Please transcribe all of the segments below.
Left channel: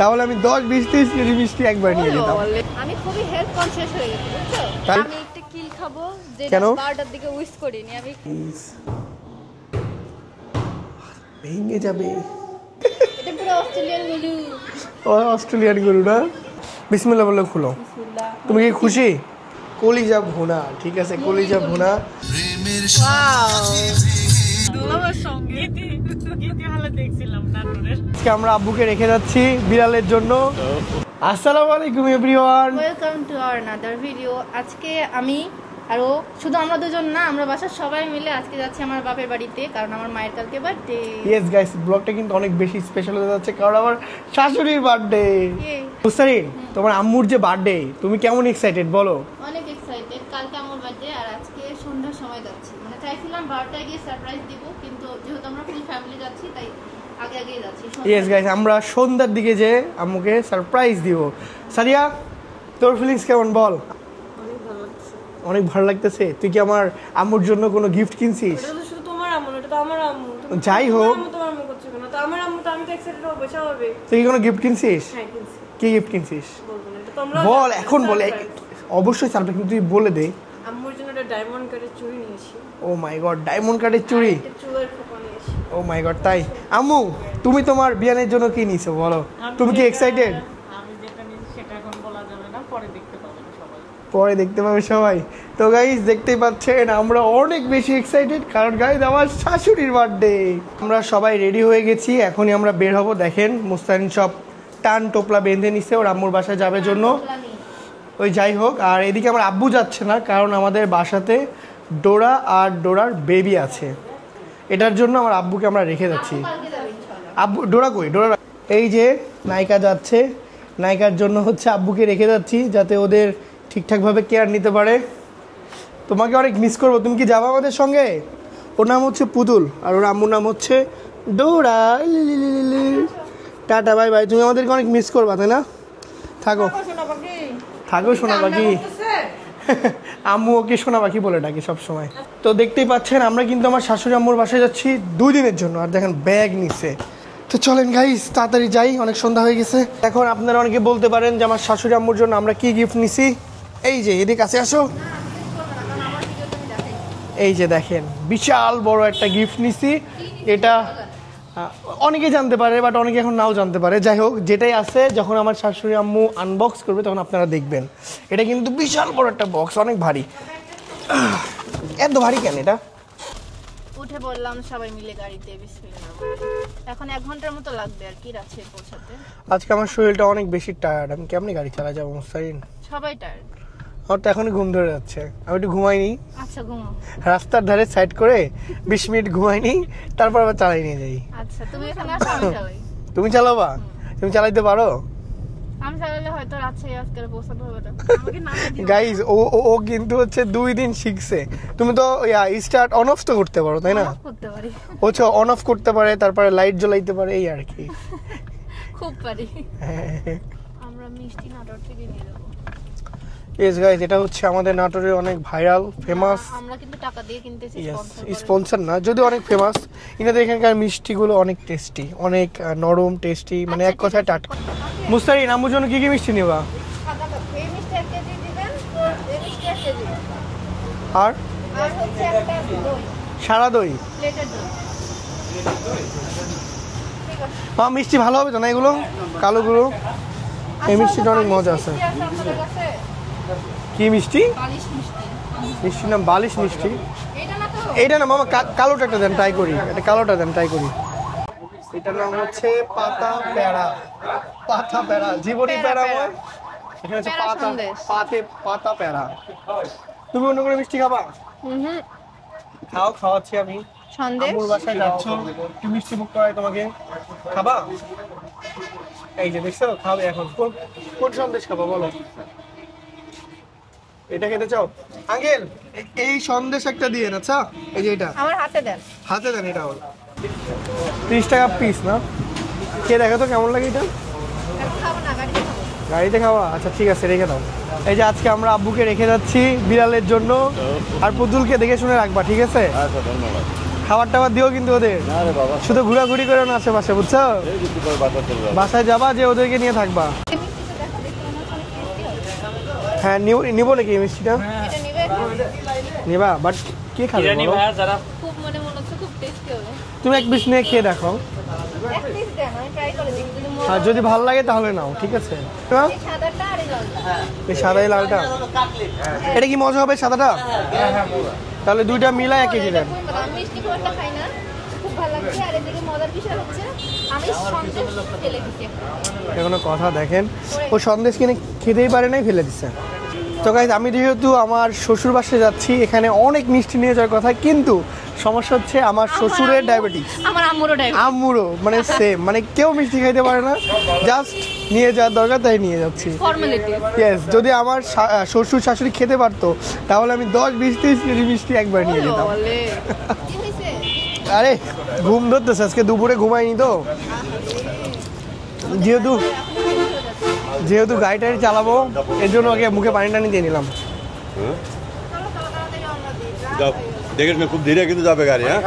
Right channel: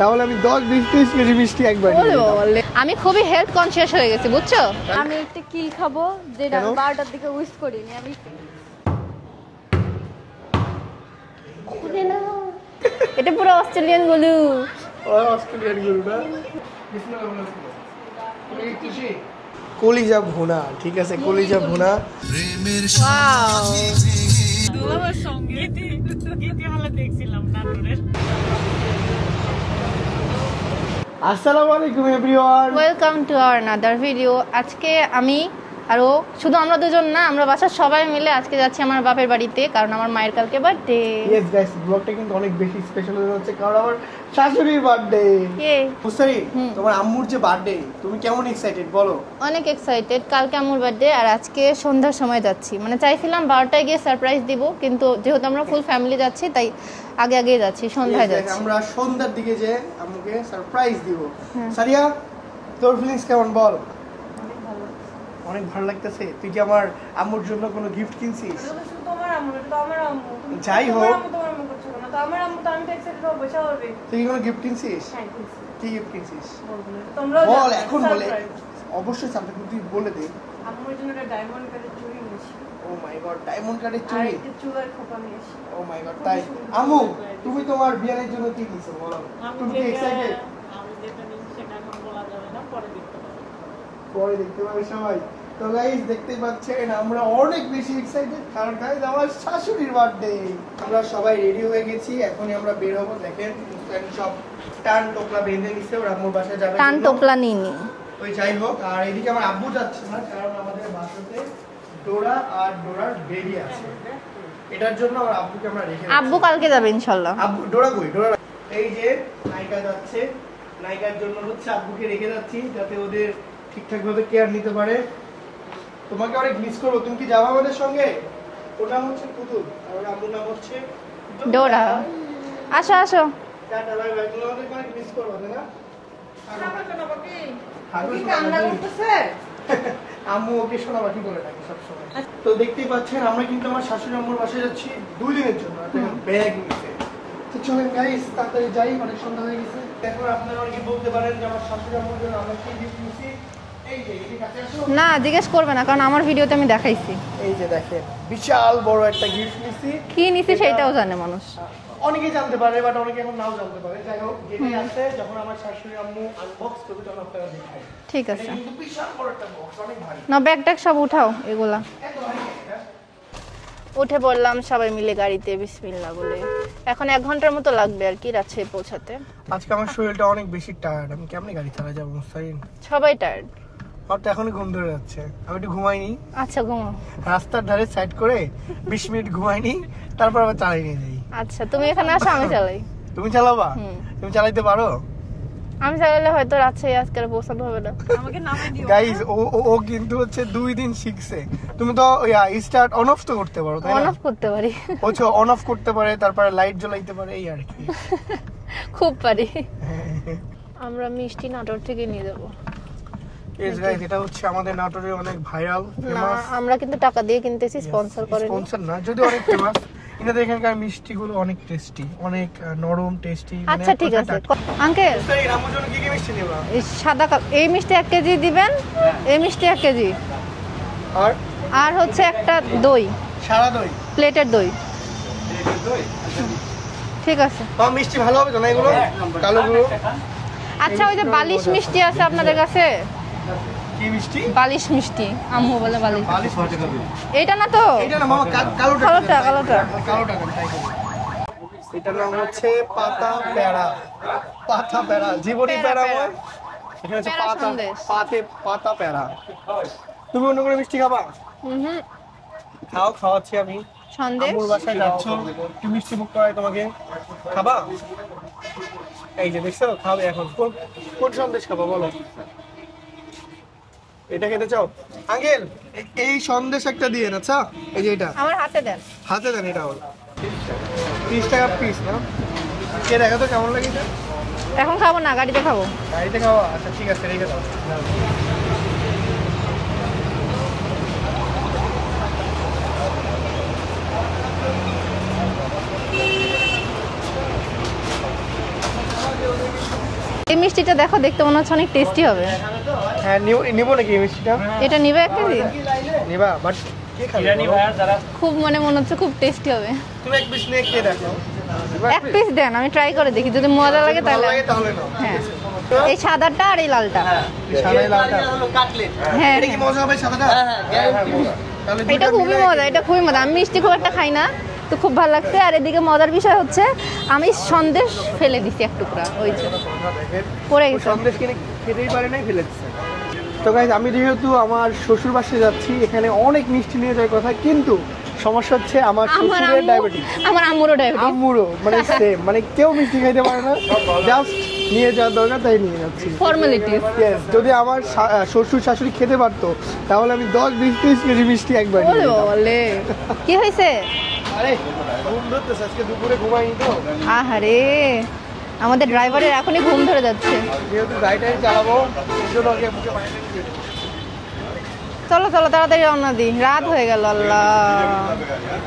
তাহলে আমি 10-20-30 কেজি মিষ্টি একবার নিয়ে নিতাম। আমি খুবই হেলথ কনসিয়াস হয়ে গেছি, বুঝছো? আমি একটা কি খাবো যেটা 12টার দিকে উইশ করিনি আমি। ভেঙে যাবে। এটা পুরো অস্ট্রেলিয়ান গলু। ওই অস্ট্রেলিয়ান গরু না। বিসমিল্লাহ বলে খুলো। তুমি কি খুশি? কলিজা ভুনা, ঠিক আছে, কলিজা ভুনা। আজকে আমরা আব্বুকে রেখে যাচ্ছি বিড়ালের জন্য। আসসালামু আলাইকুম everyone, welcome to our another video. আজকে আমি আরো শুধু আমরা দুজন না, আমরা বাসার সবাই মিলে আজকে যাচ্ছি আমার বাপের বাড়িতে, কারণ আমার মায়ের কালকে বার্থডে। ইয়েস গাইস, ব্লগটা কিন্তু অনেক বেশি স্পেশাল হতে যাচ্ছে কারণ আমার শাশুড়ির বার্থডে। মুস্তারি, তোমার আম্মুর যে বার্থডে, তুমি কেমন এক্সাইটেড বলো? অনেক এক্সাইটেড। কালকে আম্মুর বার্থডে আর আজকে সন্ধ্যার সময় যাচ্ছি। মানে চাইছিলাম 12টায় গিয়ে সারপ্রাইজ দিব, কিন্তু যেহেতু আমরা ফুল ফ্যামিলি যাচ্ছি তাই আগে যাচ্ছি, সন্ধ্যায় যাচ্ছি। আমরা সন্ধ্যার দিকে যে আম্মুকে সারপ্রাইজ দিব। সারিয়া, তোর ফিলিংস কেমন বল? অনেক ভালো লাগতেছে। তুই কি আমার আম্মুর জন্য কোনো গিফট কিনছিস? এটা তো শুধু তোমার আম্মু, এটা তো আমার আম্মু। যাই হোক, তোমার আম্মু করছো না তো আমার আম্মু, তো আমি তো এক্সাইটেড হব, স্বাভাবিক। তুই কি কোনো গিফট কিনছিস? হ্যাঁ কিনছি। কি গিফট কিনছিস? বলবো না, তোমরা বল, এখন বলে। অবশ্যই সারপ্রাইজ, কিন্তু তুই বলে দে। আম্মুর জন্য একটা ডায়মন্ড কাটের চুড়ি নিয়েছি। ও মাই গড, ডায়মন্ড কাটের চুড়ি। একটা চুলের খোপা নিয়েছি। ও মাই গড, তাই? আম্মু, তুমি তোমার বিয়ানের জন্য কি নিছো বলো? তুমি কি এক্সাইটেড? আমি যেটা নিয়েছি সেটা এখন বলা যাবে না, পরে দেখতে পাবেন সবাই। পরে দেখতে পাবে সবাই। তো গাইস, দেখতেই পাচ্ছেন আমরা অনেক বেশি এক্সাইটেড কারণ গাইস আমার শাশুড়ির বার্থডে। আমরা সবাই রেডি হয়ে গেছি, এখনই আমরা বের হব। দেখেন মুস্তাহিন সব টান টোপলা বেঁধে নিছে ওর আম্মুর বাসায় যাবে টান জন্য। টোপলা নিনি। ওই যাই হোক, আর এদিকে আমার আব্বু যাচ্ছে না কারণ আমাদের বাসাতে ডোরা আর ডোরার বেবি আছে। এটার জন্য আমার আব্বুকে আমরা রেখে যাচ্ছি। আব্বু কালকে যাবে ইনশাআল্লাহ। আব্বু ডোরা কই? ডোরা এই যে নায়িকা যাচ্ছে, নায়িকার জন্য হচ্ছে আব্বুকে রেখে যাচ্ছি যাতে ওদের ঠিকঠাকভাবে কেয়ার নিতে পারে। তোমাকে অনেক মিস করবো, তুমি কি যাবো আমাদের সঙ্গে? ওর নাম হচ্ছে পুতুল আর ওর আম্মুর নাম হচ্ছে ডোরা। আসো আসো, টাটা, বাই বাই। তুমি আমাদেরকে অনেক মিস করবা, তাই না? থাকো থাকো শোনা পাখি। আম্মু ওকে শোনা পাখি বলে ডাকে সবসময়। তো দেখতেই পাচ্ছেন আমরা কিন্তু আমার শাশুড়ি আম্মুর বাসায় যাচ্ছি 2 দিনের জন্য। আর দেখেন ব্যাগ নিচ্ছে। তো চলেন গাইস, তাড়াতাড়ি যাই, অনেক সন্ধ্যা হয়ে গেছে। এখন আপনারা অনেকে বলতে পারেন যে আমার শাশুড়ি আম্মুর জন্য আমরা কি গিফট নিছি। এই যে এদিকে কাছে আসো। না জিজ্ঞেস করবে না, কারণ আমার ভিডিওতে আমি দেখাইছি। এই যে দেখেন বিশাল বড় একটা গিফট নিছি। কি নিছি সেটাও জানে মানুষ। অনেকে জানতে পারে, বাট অনেকে এখন নাও জানতে পারে। যাই হোক, যেটাই আছে যখন আমার শাশুড়ি আম্মু আনবক্স করবে তখন আপনারা দেখবেন। এটা কিন্তু বিশাল বড় একটা বক্স, অনেক ভারী। না ব্যাগ ট্যাগ সব উঠাও এগুলা। এত ভারী কেন এটা? উঠে পড়লাম সবাই মিলে গাড়িতে বিসমিল্লাহ বলে। এখন 1 ঘন্টার মতো লাগবে আর কি রাজশাহী পৌঁছাতে। আজকে আমার শরীরটা অনেক বেশি টায়ার্ড, আমি কেমনে গাড়ি চালা যাবো মুস্তাহিন? সবাই টায়ার্ড। আমার তো এখনই ঘুম ধরে যাচ্ছে, আমি একটু ঘুমাইনি। আচ্ছা ঘুমাও। রাস্তার ধারে সাইড করে 20 মিনিট ঘুমাইনি, তারপর আবার চালাই নিয়ে যাই। আচ্ছা তুমি এখানে আসো, আমি চালাই। তুমি চালাবা? তুমি চালাইতে পারো? আমি চালালে হয়তো রাজশাহী আজকে আর পৌঁছাতে হবে না। আমাকে নাম দিও গাইস, ও কিন্তু হচ্ছে 2 দিন শিখছে। তুমি তো স্টার্ট অন অফ তো করতে পারো, তাই না? অন অফ করতে পারি। ও অন অফ করতে পারে, তারপরে লাইট জ্বলাইতে পারে, এই আর কি। খুব পারি। আমরা মিষ্টি নাটোর থেকে নিয়ে যাব। ইয়েস গাইস, এটা হচ্ছে আমাদের নাটোরের অনেক ভাইরাল ফেমাস। আমরা কিন্তু টাকা দিয়ে কিনতেছি, স্পন্সর করে। স্পন্সর না, যদি অনেক ফেমাস। ইনাদের এখানকার মিষ্টিগুলো অনেক টেস্টি, অনেক নরম টেস্টি, মানে আচ্ছা এক ঠিক কথায় আছে টাটকা। আঙ্কেল, মুস্তাহিন আম্মুর জন্য কি কি মিষ্টি নেবা? এই সাদা কাপ, এই মিষ্টি 1 কেজি দিবেন। এই মিষ্টি 1 কেজি। আর আর হচ্ছে একটা দই, সারা দই, প্লেটের দই। ঠিক আছে। বা মিষ্টি ভালো হবে তো না এগুলো? কালো কালো। আচ্ছা ওই যে মিষ্টিটা অনেক বালিশ মজা আছে। মিষ্টি আছে আপনাদের কাছে? কি মিষ্টি? বালিশ মিষ্টি, আম্মু বলে মিষ্টির নাম বালিশ। বালিশ মিষ্টি। এইটা না তো? এইটা না মামা, কালোটা দেন, ট্রাই করি। কালোটা। এটা কালোটা দেন, ট্রাই করি। এটার নাম হচ্ছে পাতা পেড়া। পাতা পেড়া, জীবনী পেড়া, পেড়া পেড়া। হয়। এখানে হচ্ছে পেড়া পাতা, সন্দেশ। পাতা পেড়া। তুমি অন্য কোনো মিষ্টি খাবা? হুম। খাও, খাওয়াচ্ছি আমি। সন্দেশ। আম্মুর বাসায় যাচ্ছ, কি মিষ্টি মুখ করায় তোমাকে? খাবা? এই যে দেখছো, খাবে এখন। কোন সন্দেশ খাবা বলো? এটা খেতে চাও? আঙ্কেল, এই সন্দেশ একটা দিয়ে না। আচ্ছা, এই যে এটা আমার হাতে দেন। হাতে দেন। এটা হল 30 টাকা পিস না? কে দেখা তো কেমন লাগে এটা? এখন খাবো না, গাড়িতে খাবো। গাড়িতে খাওয়া? আচ্ছা ঠিক আছে, রেখে দাও। এই যে আজকে আমরা আব্বুকে রেখে যাচ্ছি বিড়ালের জন্য। আর পুতুলকে দেখে শুনে রাখবা, ঠিক আছে? খাবার টাবার দিও কিন্তু ওদের, শুধু ঘোরাঘুরি করে না আশেপাশে, বুঝছো? বাসায় যাবা যে ওদেরকে নিয়ে থাকবা। এই মিষ্টিটা দেখো, দেখতে মনে হচ্ছে অনেক টেস্টি হবে। হ্যাঁ নিবো নাকি এই মিষ্টিটা? এটা নিবে একটু? নিবা, বাট কে খাবে? খুব মনে হচ্ছে খুব টেস্টি হবে। তুমি এক পিস নিয়ে খেয়ে দেখো, এক পিস দেন, আমি ট্রাই করে দেখি, যদি মজা যদি লাগে ভালো লাগে তাহলে। তাহলে নাও, ঠিক আছে? এই সাদাটা আর এই লালটা। এই সাদা এই লালটা, হ্যাঁ এটা কি মজা হবে সাদাটা? তাহলে দুইটা এটা মিলে খুবই মজা, এটা খুবই মজা। আমি মিষ্টি খুব একটা খাই না, তো খুব ভালো লাগছে। আর এদিকে মজার বিষয় হচ্ছে আমি সন্দেশ ফেলে দিছি এক টুকরা, ওই যে। কোনো কথা দেখেন, পড়ে ও গেছে। সন্দেশ কিনে খেতেই পারে নাই, ফেলে দিচ্ছে। তো গাইজ আমি যেহেতু আমার শ্বশুর বাসায় যাচ্ছি, এখানে অনেক মিষ্টি নিয়ে যাওয়ার কথা, কিন্তু সমস্যা হচ্ছে আমার শ্বশুরের ডায়াবেটিস, আমার আম্মুরও ডায়াবেটিস। আম্মুরও, মানে সেম, মানে কেউ মিষ্টি খাইতে পারে না, জাস্ট নিয়ে যাওয়ার দরকার তাই নিয়ে যাচ্ছি। ফর্মালিটি। ইয়েস, যদি আমার শ্বশুর শাশুড়ি খেতে পারতো তাহলে আমি 10-20-30 কেজি মিষ্টি একবার নিয়ে যেতাম। বলে কি হয়েছে? আরে ঘুম ধরতেছে, আজকে দুপুরে ঘুমাইনি তো। আহারে, আমাদের যেহেতু- ড্রাইভারের এখনই ঘুম ধরে যাচ্ছে। যেহেতু গাড়িটাই চালাবো, এই জন্য আগে মুখে পানি টানি দিয়ে নিলাম। চলো চলো তাড়াতাড়ি রওনা দিই, রাত হয়ে গেল। খুব ধীরে কিন্তু যাবে গাড়ি, হ্যাঁ?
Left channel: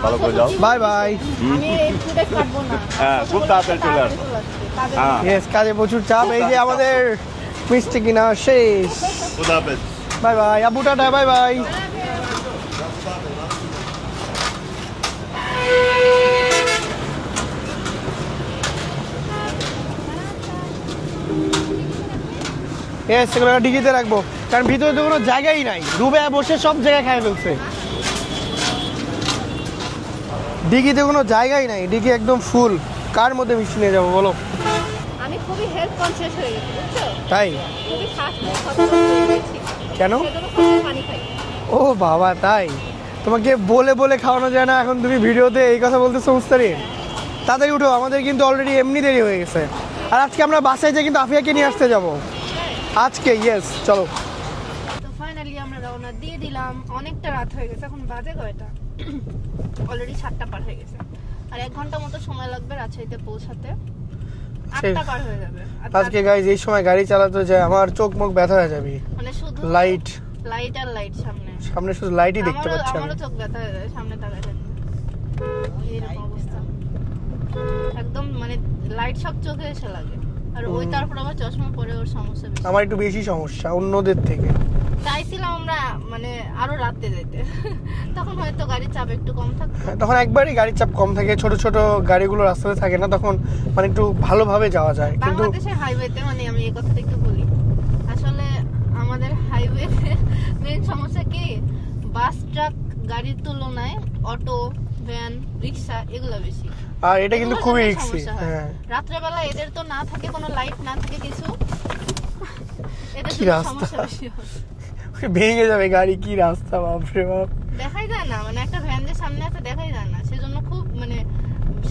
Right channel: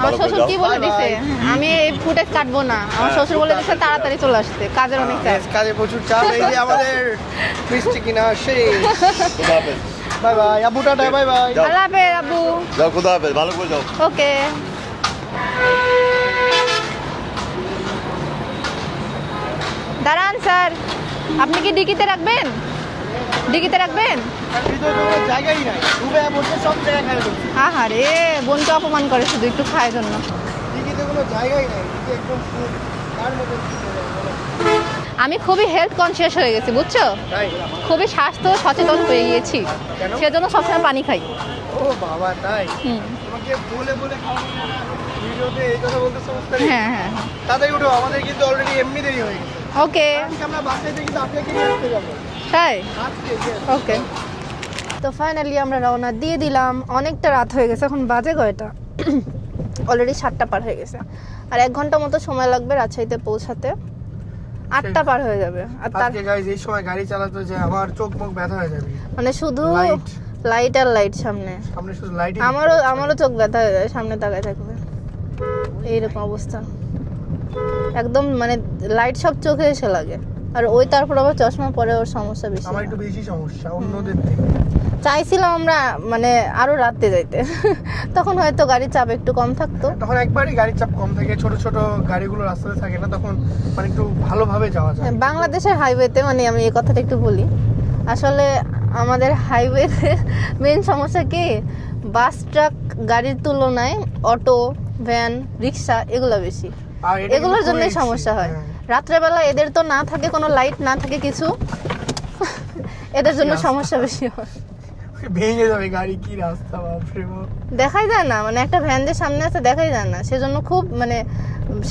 আমার শ্বশুর কি Bye বলে দিছে, bye. আমি এই ফুটেজ কাটবো না। আমার হ্যাঁ, শ্বশুর খুব বলে দিছে তাড়াতাড়ি তাড়াতাড়ি চলে আসতে, কাজের হ্যাঁ। মধ্যে। ইয়েস, কাজে প্রচুর চাপ। এই যে আমাদের মিষ্টি কিনা শেষ। খুদা হাফেজ। বাই বাই আবু, টাটা, বাই বাই। আল্লাহ হাফেজ আব্বু। যাও, খুদা হাফেজ, ভালো করে যাও। ওকে। দাঁড়ান স্যার, আপনি কি ডিকিতে রাখবেন? ইয়েস, এবার ডিকিতে ডিকিতে রাখবেন? রাখবো, কারণ ভিতরে তো কোনো জায়গাই নাই, ডুবে বসে সব জায়গায় খাই ফেলছে। আহারে, বোনকে অপমান করে শুধু একটু খাওয়ার জন্য। ডিকিতে কোনো জায়গাই নাই, ডিকি একদম ফুল, কার মধ্যে মিষ্টি নিয়ে যাবো বলো? আমি খুবই হেলথ কনসিয়াস হয়ে গেছি, বুঝছো? তাই? খুবই স্বাস্থ্য সচেতন হয়ে গিয়েছি, কেন? সেজন্য সবসময় পানি খাই। ও বাবা, তাই? হুম। তোমাকে বলে বলে খাওয়ানো যায় না, এখন তুমি ভিডিওতে এই কথা বলতেছো মুস্তারি? হ্যাঁ হ্যাঁ। তাড়াতাড়ি উঠো, আমাদের কিন্তু অলরেডি এমনি দেরি হয়ে গেছে। ওকে। আর আজকে আমরা বাসায় যাই কিন্তু আফিয়াকে নিয়ে আসতে যাবো তাই? আজকে। Yes, Okay. চলো। তো ফাইনালি আমরা রওনা দিয়ে দিলাম। অনেকটা রাত হয়ে গেছে, এখন বাজে কয়টা? অলরেডি 7টা পার হয়ে গেছে, আর 1 ঘন্টা মতো সময় লাগবে রাজশাহীতে পৌঁছাতে। 8টা পার হয়ে যাবে। আর আজকে গাইজ এই সময় গাড়ি চালাতে যায় আমার চোখ মুখ ব্যথা হয়ে যাবে। মানে শুধু লাইট লাইট আর লাইট সামনে। সামনে শুধু লাইটই দেখতে আমারও পাচ্ছি। আমারও চোখ ব্যথা হয়ে যায় সামনে তাকায় থাকলে, এইরকম অবস্থা। একদম মানে লাইট সব চোখে এসে লাগে, আর ওই তারপর আবার চশমা পরে ওর সমস্যা বেশি। আমার একটু বেশি সমস্যা অন্যদের থেকে। চাইছিলাম আমরা মানে আরো রাতে যাইতে, তখন হয়তো গাড়ির চাপ একটু কম থাকতো। তখন একবারই গাড়ির চাপ কম থাকে, ছোট ছোট গাড়িগুলো রাস্তাতে থাকে না, তখন মানে একটু ভালোভাবে যাওয়া যায়। কিন্তু বাংলাদেশের হাইওয়েতে, মানে আমি এই কথাটা একটু বলি, আসলে আমাদের হাইওয়েতে মেইন সমস্যা কি, বাস ট্রাক গাড়ির তুলনায় অটো ভ্যান রিক্সা এগুলো বেশি, আর এটা কিন্তু এগুলোর খুবই জন্য risky। সমস্যা হয়। হ্যাঁ। রাত্রেবেলা এদের তো না থাকে কোনো লাইট, না থাকে কিছু, এদের জন্য রাস্তা। সমস্যা বেশি হয়। ভেঙে যাবে গাড়ি, কি রাস্তা, বাপরে বাপ। দেখাই যায় না, মানে একটা ভ্যান যে সামনে আছে দেখাই যায় না, সেজন্য খুব মানে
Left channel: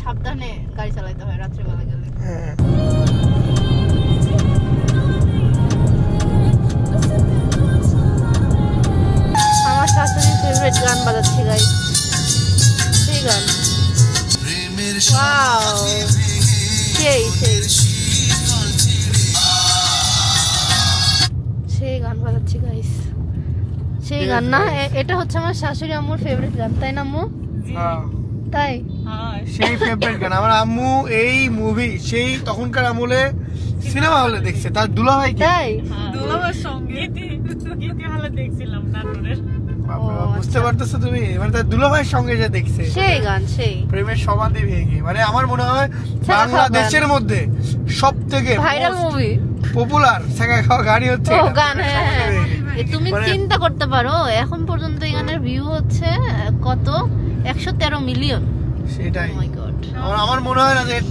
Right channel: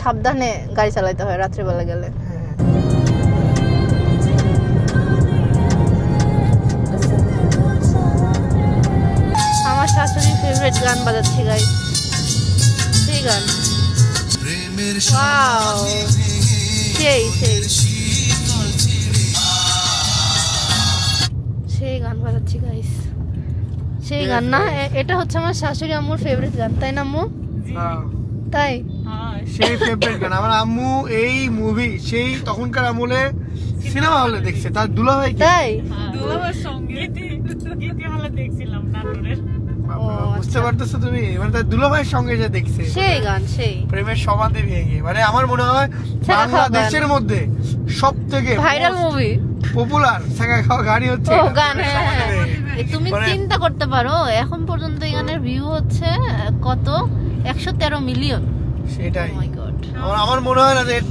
সাবধানে গাড়ি চালাতে হয় রাত্রেবেলা গেলে। হ্যাঁ। আমার শাশুড়ির ফেভারিট গান বাজাচ্ছি গাইস, সেই গান। ওয়াও, সেই সেই সেই গান বাজাচ্ছি গাইস, সেই গান না? এটা হচ্ছে আমার শাশুড়ি আম্মুর ফেভারিট গান, তাই না আম্মু? হ্যাঁ। তাই? সেই ফেভারিট গান আমার আম্মু এই মুভি সেই তখনকার আমলে সিনেমা হলে দেখছে, তার দুলাভাই কি? তাই? দুলাভাইয়ের সঙ্গে গীতি হলে দেখছিলাম নাটোরের। বুঝতে পারতেছো তুমি, মানে তার দুলাভাইয়ের সঙ্গে যে দেখছে সেই গান, সেই প্রেমের সমাধি ভেঙে, মানে আমার মনে হয় ছাগা খাওয়া বাংলাদেশের মধ্যে সব থেকে ভাইরাল মুভি। পপুলার ছাগা খাওয়া গাড়ি হচ্ছে ও এটা। গান, হ্যাঁ হ্যাঁ। তুমি মানে- চিন্তা করতে পারো, এখন পর্যন্ত এই গানের ভিউ হচ্ছে কত, 113 মিলিয়ন। সেটাই Oh my God. আমার মনে হয় না যে এর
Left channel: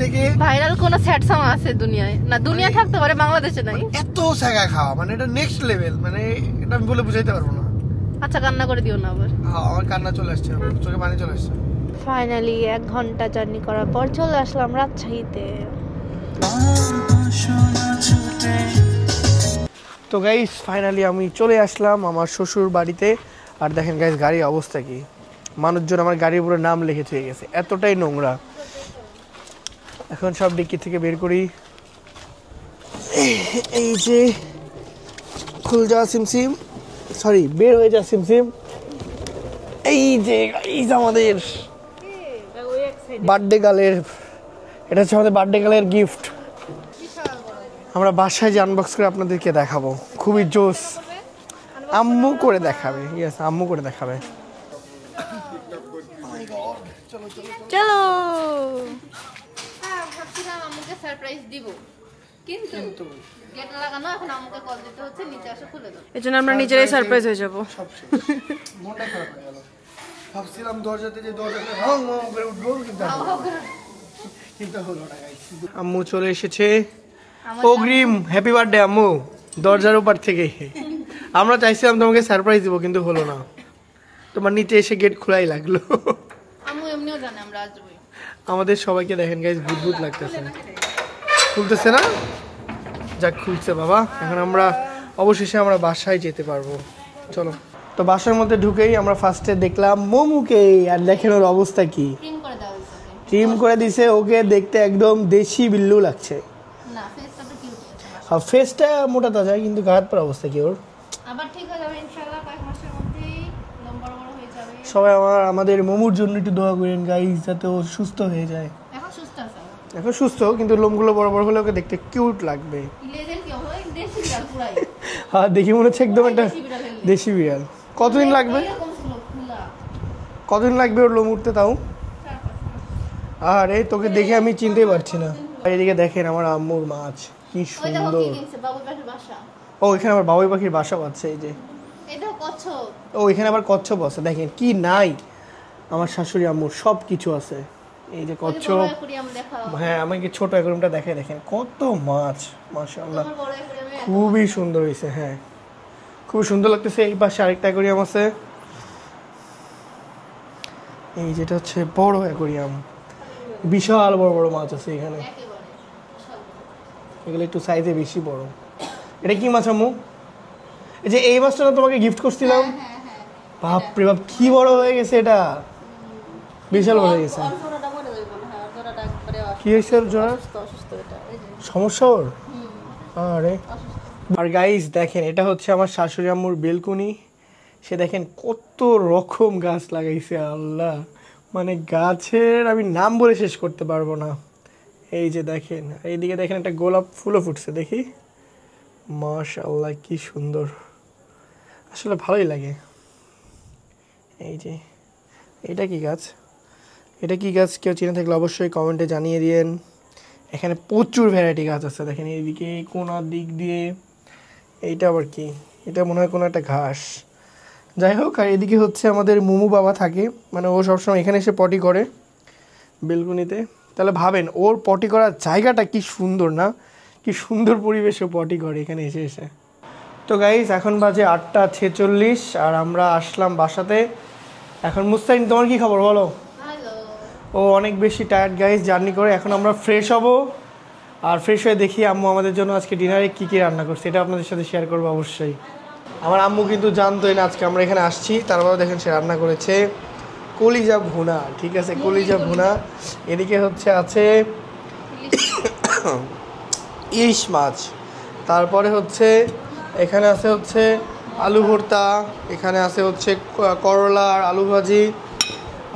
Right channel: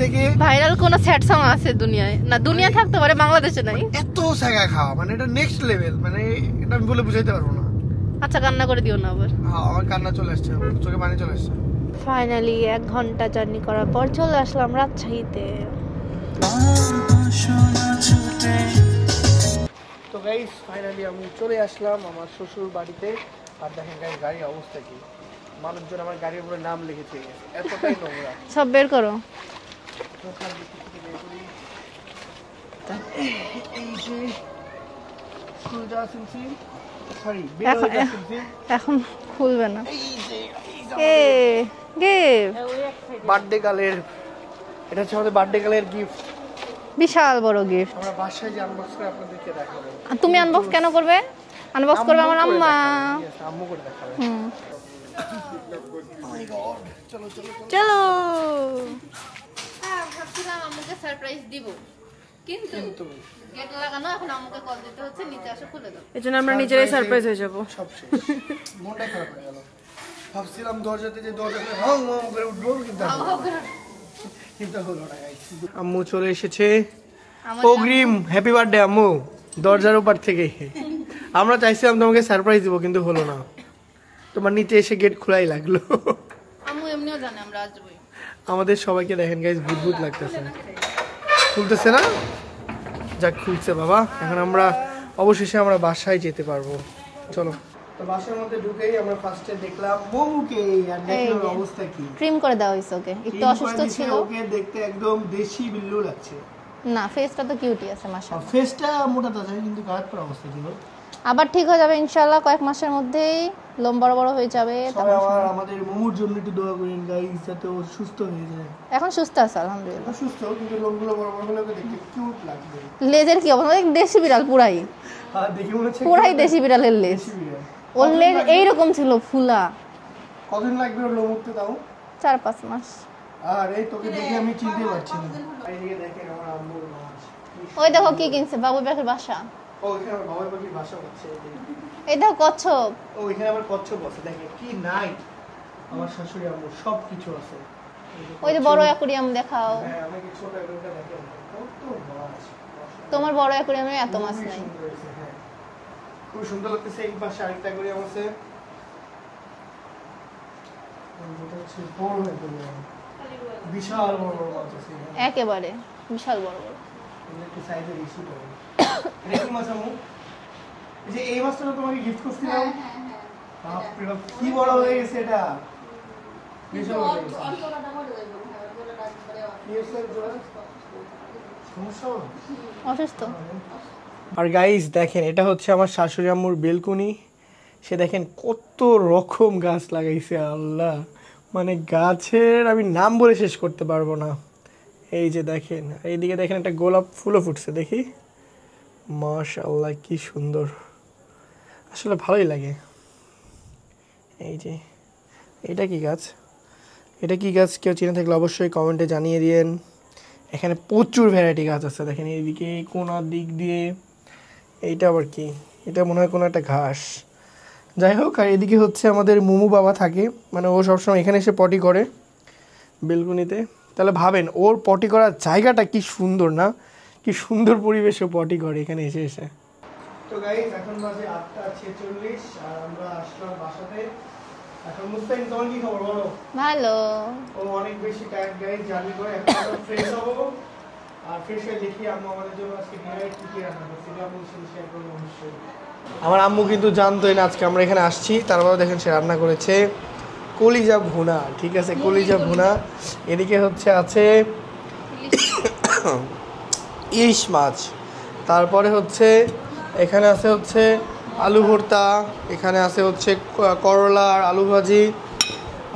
থেকে ভাইরাল কোন স্যাড সং আছে দুনিয়ায়? না, দুনিয়া থাকতে পারে, বাংলাদেশে নাই। এত ছাগা খাওয়া, মানে এটা নেক্সট লেভেল, মানে এটা আমি বলে বুঝাইতে পারবো না। আচ্ছা, কান্না করে দিও না আবার। আমার কান্না চলে আসছে, আমার চোখে পানি চলে আসছে। ফাইনালি 1 ঘন্টা জার্নি করার পর চলে আসলাম রাজশাহীতে। তো গাইস ফাইনালি আমি চলে আসলাম আমার শ্বশুর বাড়িতে। আর দেখেন গাইস গাড়ির অবস্থা কি, মানুষজন আমার গাড়ির উপরে নাম লিখে দিয়ে গেছে, এতটাই নোংরা। সব বের করো। এখন সব ডিক্কি থেকে বের করি। এই যে খুল যা সিমসিম, সরি বের হয়ে যাচ্ছে সিমসিম। এখন খুলবে না। এই যে আমাদের গিফট বার্থডে গালের, এটা হচ্ছে আমাদের বার্থডে গালের গিফট। বিশাল বড় গিফট। আমরা বাসায় যে আনবক্স করে আপনাদেরকে দেখাবো। তুমি আনবক্স কেন করবে? আনবক্স করবে আম্মু আমার করে আম্মা। দেখাবে। ইয়েস, আম্মু করে দেখাবে। চলো। হ্যাঁ, ভাবছিলাম আম্মুকে সারপ্রাইজ দিব, কিন্তু গেট লাগানো, এখন আম্মুকে কল দিতে হচ্ছে, নিচে এসে খুলে দাও। এজন্য আমরা নিজেরাই সারপ্রাইজ হয়ে যাব। সব শেষ, মনটা খারাপ হয়ে গেল। ভাবছিলাম দরজাতে যে দরজা খুলে হং হং করে উঠবো, কিন্তু হলো না গাইস। আম্মু চলে এসেছে। অগ্রিম হ্যাপি বার্থডে আম্মু, দরজার উপর থেকে। আমরা চাইছিলাম তোমাকে সারপ্রাইজ দিব, কিন্তু হলো না। তোমার নিচে এসে গেট খোলাই লাগলো। আম্মু এমনিও জানে আমরা আসবই। আমাদের সবাইকে দেখেন গাইস, ভূত লাগতেছে। খুলতেছে না? যাক, খুলছে বাবা। এখন আমরা অবশেষে আমরা বাসায় যেতে পারবো। চলো। তো বাসার মধ্যে ঢুকেই আমরা ফার্স্টে দেখলাম মোমুকে, আর দেখেন ওর অবস্থা কি। ট্রিম করে দেওয়া হয়েছে ওকে। ট্রিম করে দিছে ওকে, দেখতে একদম দেশি বিল্লু লাগছে। না, ফেসটা তো কিউটই আছে মাশাআল্লাহ। আর ফেসটা মোটা তাজা, কিন্তু গায়ের পর অবস্থা কি ওর? আবার ঠিক হয়ে যাবে ইনশাআল্লাহ, কয়েক মাসের মধ্যেই লোম বড় বড় হয়ে যাবে। সবাই আমাদের মোমুর জন্য একটু দোয়া করেন গাইস, যাতে ও সুস্থ হয়ে যায়। এখন সুস্থ আছে আলহামদুলিল্লাহ। এখন সুস্থ, কিন্তু লোমগুলো বড় বড় হলে ওকে দেখতে কিউট লাগবে। লেজের কি অবস্থা? এক দেশি বিড়াল পুরাই। হ্যাঁ, দেখি মনে হচ্ছে একদম পুরাই একটা দেশি বিড়ালের লেজ। দেশি বিড়াল। ওর কতদিন লেজ লাগবে? এইরকম ছিল ফুলা। কতদিন লাগবে ওর লোম উঠতে তাও? 4-5 মাস। আর এই তোকে দেখে আমি চিনতেই পারছি না। আর এদিকে দেখেন আমার আম্মুর মাছ কি ওই দেখো সুন্দর। কি কিনছে, বাবুই পাখির বাসা। ও, এখানে আবার বাবুই পাখির বাসা আছে। এই যে, এই দেখো কচ্ছপ। ও এখানে আবার কচ্ছপ আছে। দেখেন কি নাই, আমার শাশুড়ি আম্মুর সব কিছু আছে। এই যে ওই যে কচ্ছপ। বড় অ্যাকুরিয়াম দেখাও। হ্যাঁ, আমাকে ছোট অ্যাকুয়ারিয়ামটা দেখে দেখেন কত মাছ, মাশাআল্লাহ। তোমার বড় অ্যাকুরিয়ামে এত মাছ। খুবই সুন্দর হয়েছে। হ্যাঁ, খুব সুন্দর লাগতেছে। এই পাশে আরেকটা অ্যাকুয়ারিয়াম আছে। এই যেটা হচ্ছে বড় অ্যাকুয়ারিয়াম, বিশাল বড় বড় মাছ আছে এখানে। একেবারে বিশাল বড়। এগুলো একটু সাইজে বেশি বড়। এটা কি মাছ আম্মু? এই যে এই মাছটা তোমাকে গিফট করছিলাম, বাপরে বাপ কি বড় হয়ে গেছে এটা, বিশাল বড় হয়ে গেছে। কি হয়েছে ওর জোড়া? সমস্যা ওর? অসুস্থ। আরে, আর গাইস দেখেন, এটা হচ্ছে আমার শাশুড়ি আম্মুর বেলকুনি। সে দেখেন কত রকম গাছ লাগাইছে, আল্লাহ, মানে গাছের আমি নাম বলে শেষ করতে পারবো না। এই যে দেখেন, এইদিকে দেখেন একটা গোলাপ ফুলও ফুটছে, দেখি, মাশাআল্লাহ কি সুন্দর, আসলে ভালোই লাগে। এই যে, এটা কি গাছ? এটা কি গাছ কেউ চিনে থাকলে অবশ্যই কমেন্টে জানিয়ে দিয়েন। এখানে প্রচুর ভ্যারাইটি গাছ আছে। দেখেন এইদিকে কোনার দিক দিয়ে, এইটা আবার কি? এটা মনে হয় কোনো একটা ঘাস। যাই হোক, আর এদিকে হচ্ছে আমাদের মুমু বাবা থাকে, মানে ও সবসময় এখানে এসে পটি করে বেলকুনিতে। তাহলে ভাবেন ওর পটি করার জায়গাটা কি সুন্দর না, কি সুন্দর পরিবেশে পটি করে এখানে এসে এসে। তো গাইস, এখন বাজে 8:46 আর আমরা আসলাম বাসাতে। এখন মুস্তাইন, তোমার কি খবর বলো? ভালো। ও অনেক বেশি টায়ার্ড গাইস জার্নি করে। এখন আমরা ফ্রেশ হব, আর ফ্রেশ হয়ে দেখি আম্মু আমাদের জন্য আজকে ডিনারে কী কী রান্না করছে, এটা আপনাদের সাথে শেয়ার করবো অবশ্যই। আমার আম্মু কিন্তু জানতোই না আজকে আমরা এখানে আসছি, তারপরে দেখেন সে রান্না করেছে কলিজা ভুনা। ঠিক আছে, কলিজা ভুনা। এদিকে হচ্ছে আছে ইলিশ মাছ, তারপরে হচ্ছে এখানে আছে হচ্ছে আলু ভর্তা, এখানে আছে হচ্ছে করলা আর আলু ভাজি,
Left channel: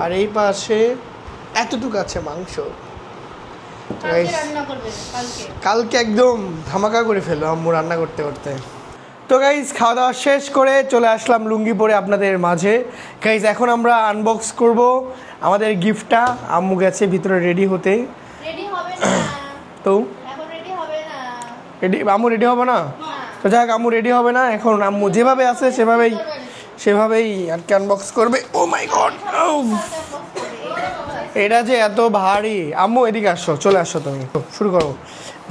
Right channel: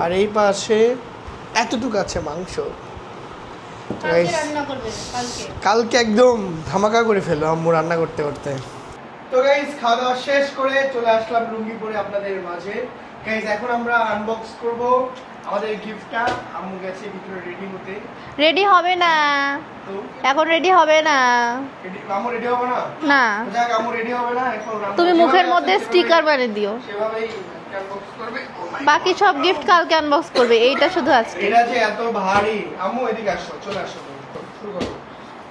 আর এই পাশে এতটুকু আছে মাংস। কালকে একদম ধামাকা করে ফেললো আম্মু রান্না করতে করতে। তো গাইজ, খাওয়া দাওয়া শেষ করে চলে আসলাম লুঙ্গি পরে আপনাদের মাঝে। গাইজ, এখন আমরা আনবক্স করব আমাদের গিফটটা। আম্মু গেছে ভিতরে রেডি হতে। রেডি হবে না তো এখন, রেডি হবে না। রেডি? আম্মু রেডি হবে না? না, তো যাক, আম্মু রেডি হবে না এখন। আম্মু তুমি যেভাবে মুখের আছে মধ্যে সেভাবেই স্টিকার বানিয়ে দিও। সেভাবেই আর কি আনবক্স করবে। ও মাই গড, বাকি সব গিফট কালকে আনবক্স করবে, এইটা শুধু আছে। এটা যে এত ভারী। আম্মু এদিকে আসো, চলে আসো, তুমি শুরু করো।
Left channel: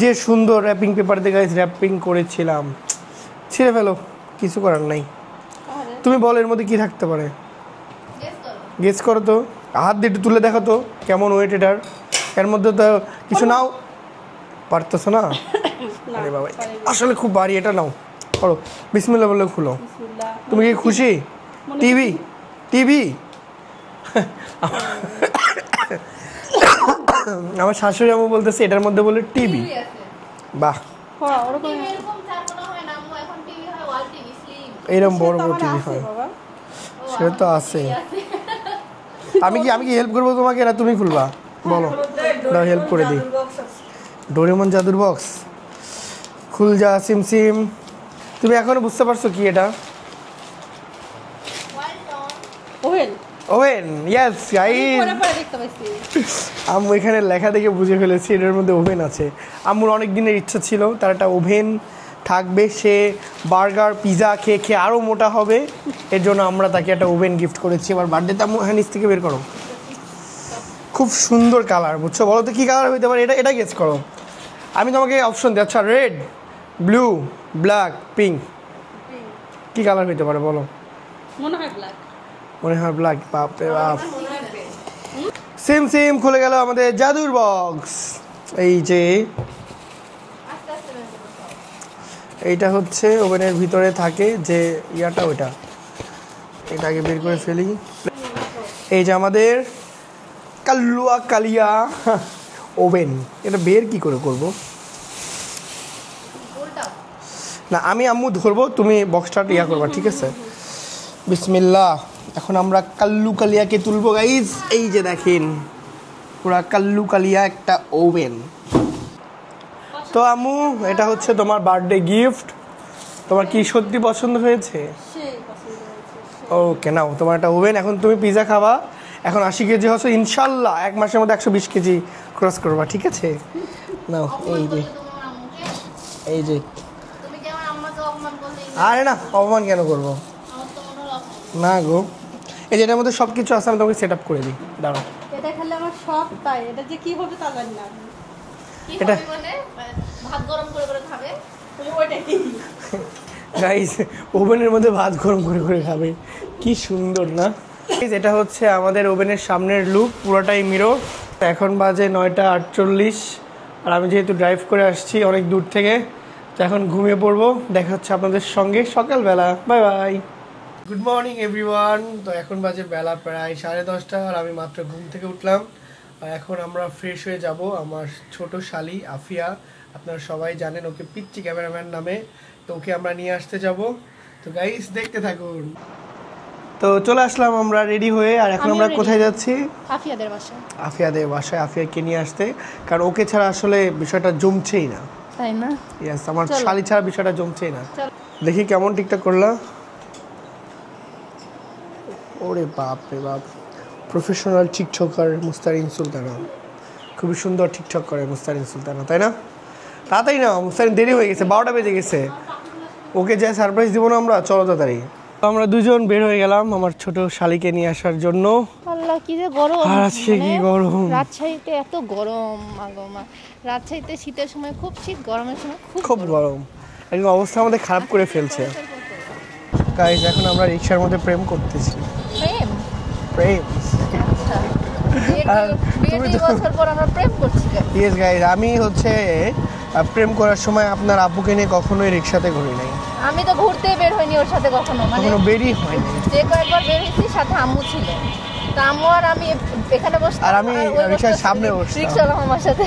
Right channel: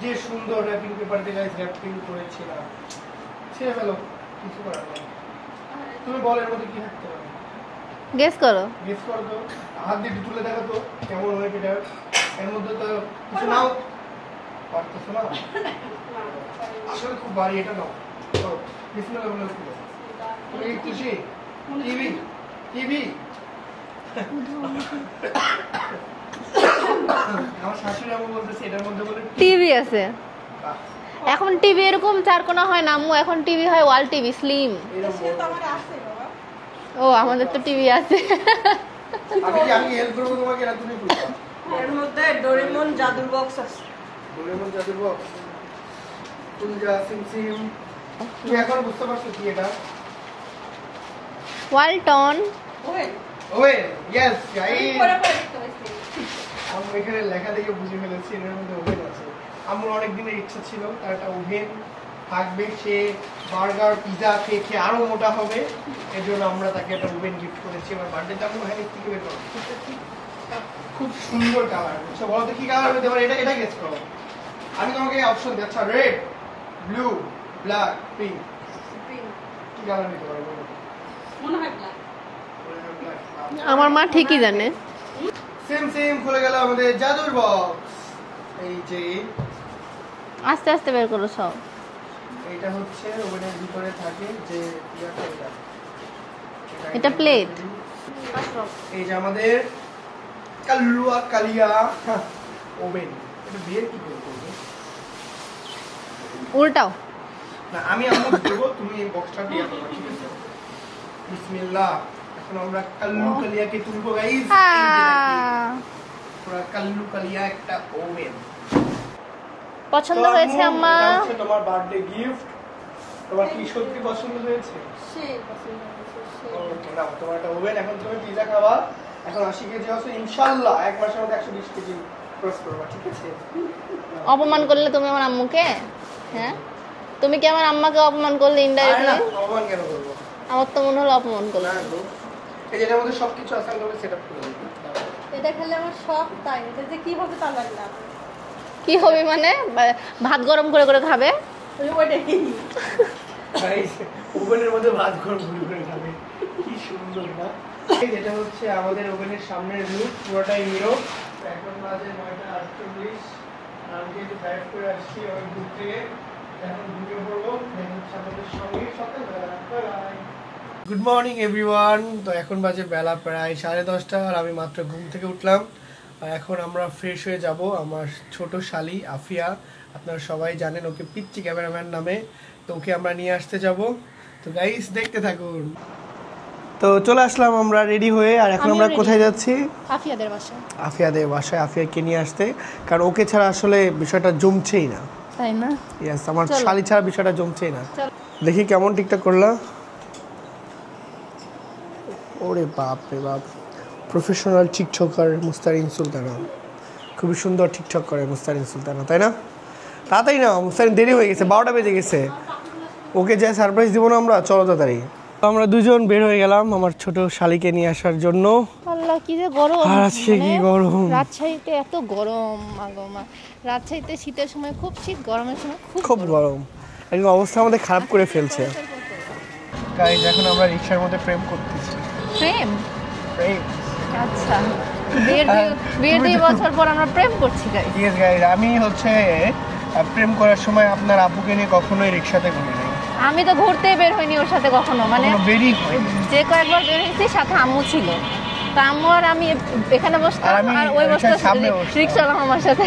যে সুন্দর র্যাপিং পেপার দিয়ে গাইজ র্যাপিং করেছিলাম, ছিঁড়ে ফেলো, কিছু করার নাই। তুমি বলো এর মধ্যে কি থাকতে পারে, গেস করো। গেস করো তো, হাত দিয়ে একটু তুলে দেখো তো কেমন ওয়েট এটার। এর মধ্যে তো কিছু নাও, পারতেছো না? আরে বাবা, আসলে খুব ভারী, এটা নাও, করো, বিসমিল্লাহ বলে খুলো। তুমি কি খুশি? TV, TV. আমার শাশুড়ি আম্মু বলতেছে এটার মধ্যে বলে টিভি টিভি আছে। বাহ, এখন টিভি এরকম চার কোণা হয় না আম্মু, এখন টিভি হয় ওয়াল টিভি স্লিম। এরকম বড় বড় টিভি হয়। ও আমাদের তো টিভি আছে। আমি কি হেল্প করবো তোমাকে, না তুমি খুলবা? বলো, দাও হেল্প করে দিই। ডোরেমন জাদুর বক্স খুল যা সিম। তুমি এখন বুঝতে পারছো কি এটা? ওয়ালটন ওহেল ওভেন। ইয়েস গাইস, পরে দেখতে পাচ্ছি। আম্মু এখানে লেখা দেখে বুঝে ফেলেছি এটার মধ্যে ওভেন আছে। আম্মুর অনেক দিনের ইচ্ছা ছিল তার একটা ওভেন থাকবে, সে বার্গার পিজা খেয়ে খেয়ে আরও মোটা হবে, এর জন্য আমরা তাকে একটা ওভেন গিফট করেছি। এবার বার্থডেতে আম্মু হ্যাঁ নিচ থেকে বের করো। খুব সুন্দর কালার, বুঝছো? বলো তো কী কালার হতে পারে? এটা গেস করো। আমি তোমাকে অপশন দিই। আচ্ছা, রেড, ব্লু, ব্ল্যাক, পিঙ্ক, কী কালার হতে পারে বলো? মনে হয় ব্ল্যাক। মনে হয় ব্ল্যাক। আমার মা ঠিকই জানে। সেম খুলে গেল আমাদের জাদুর বক্স। এই যে আস্তে আস্তে বের করো সব। এইটা হচ্ছে ওভেনের ভিতরে থাকে যে ইয়াটা, ওটা এটাকে এটা বের করে plate। ফেলি। এই যে আমাদের কালিয়া ওভেন, এটা বের কি করে করব? উল্টাও। না, আমি আম্মু ধরবো, তুমি বক্সটা ইয়া করবা, ঠিক আছে? বিসমিল্লাহ। এখন আমরা কালিয়াকে তুলবো গাইস। এই যে দেখেন পুরা কালিয়া একটা ওভেন। পছন্দ তো আম্মু, হয়েছে আম্মা? এটা হচ্ছে তোমার বার্থডে গিফট। তোমার কি সত্যি পছন্দ হয়েছে? ওকে, নাও তোমার একটা ওভেন। এখন তুমি পিজা খাবা। এখন 80 কেজি হচ্ছে, ইনশাল্লাহ 1 মাসের মধ্যে 120 কেজি ক্রস করবা, ঠিক আছে? নাও। অপমান করলে তুমি আমার আম্মুকে? এই যে, তুমি কি আমার আম্মাকে অপমান করলে আরে না, ইনডাইরেক্টলি? অপমান কেন করবো? আমার তো মনে হলো অপমান করলে। না গো, এই যে এটার মধ্যে সব কিছু আছে, আমি তোমাকে সেট আপ করে দিই, দাঁড়াও। এটা খেলে আমার সব তাই, এটা যে কি হবে তা জানি না। কি হবে মানে? ভাত গরম করে করে খাবে? তাহলে ওইটাই। গাইস, ওভেনের মধ্যে ভাত গরম করে করে খাবে, কি সুন্দর না? এটা হচ্ছে আমাদের ওভেনের সামনের লুক, পুরোটাই মিরর। এখন বাজে 9:48, আর আমি যেহেতু ড্রাইভ করে আসছি অনেক দূর থেকে, তো এখন ঘুমিয়ে পড়বো। দেখা হচ্ছে আপনাদের সঙ্গে সকালবেলা। Bye bye. Good morning everyone. তো এখন বাজে বেলা প্রায় 10:30, আর আমি মাত্র ঘুম থেকে উঠলাম। আর এখন আমরা ফ্রেশ হয়ে যাব। আমার ছোট শালি আফিয়া, আপনারা সবাই জানেন ওকে পিচ্চি ক্যামেরাম্যান নামে, তো ওকে আমরা নিয়ে আসতে যাব। তো গাইস দেখতে থাকুন। তো চলে আসলাম আমরা রেডি হয়ে। আর এখন আমরা কোথায় যাচ্ছি? আফিয়াদের বাসায়। আফিয়াদের বাসায় আফিয়াকে নিয়ে আসতে, কারণ ওকে ছাড়া আসলে বিষয়টা জমছেই না। তাই না? ইয়েস, আমার চলো। শালি ছাড়া বিষয়টা জমছেই না। চলো। দেখি কেমন টিকটক করলা। ওরে বাপ রে বাপ, প্রফেশনাল টিকটকার মুস্তারিন সুলতানা, খুবই সুন্দর টিকটক করে মুস্তারিন সুলতানা, তাই না? তাড়াতাড়ি না, মুস্তারিন দেরি হয়ে গেছে, 12টা বেজে গেছে। ওকে যে সারপ্রাইজ দিব না আমরা, চলো তাড়াতাড়ি। আমরা দুজন বের হয়ে গেলাম আমার ছোট শালিকে নিয়ে আসার জন্য। আল্লাহ কি যে গরম! আর আজকে কি গরম! রাজশাহীতে এত গরম, মাগো মা। রাজশাহীতে শীতের সময় খুব শীত, গরমের সময় খুব গরম, একদম অবস্থা আমাদের খারাপ করে ফেলছে। গাইস, এখন আমরা রিকশার মধ্যে প্রেম করতেছি। প্রেম? প্রেম, আচ্ছা, বিয়ের 2 বছর পর আমরা প্রেম করছি গাইস। ইয়েস গাইস, আমি হচ্ছে প্রেম করার সময় আপনার আপুকে নিয়ে কখনোই রিকশাতে ঘুরি নাই, আমি তো ঘুরতেই বের হইনি ওর সাথে কখনো, মানে কখনো বেরই হয়নি। যে কয়েকবার বের হয়েছি সাথে আম্মু ছিল, তা আম্মু আর আমি এখানে বসতাম, আর আমি ওই রিকশার বসতাম সামনে বসতাম। রিকশা আমার সাথে।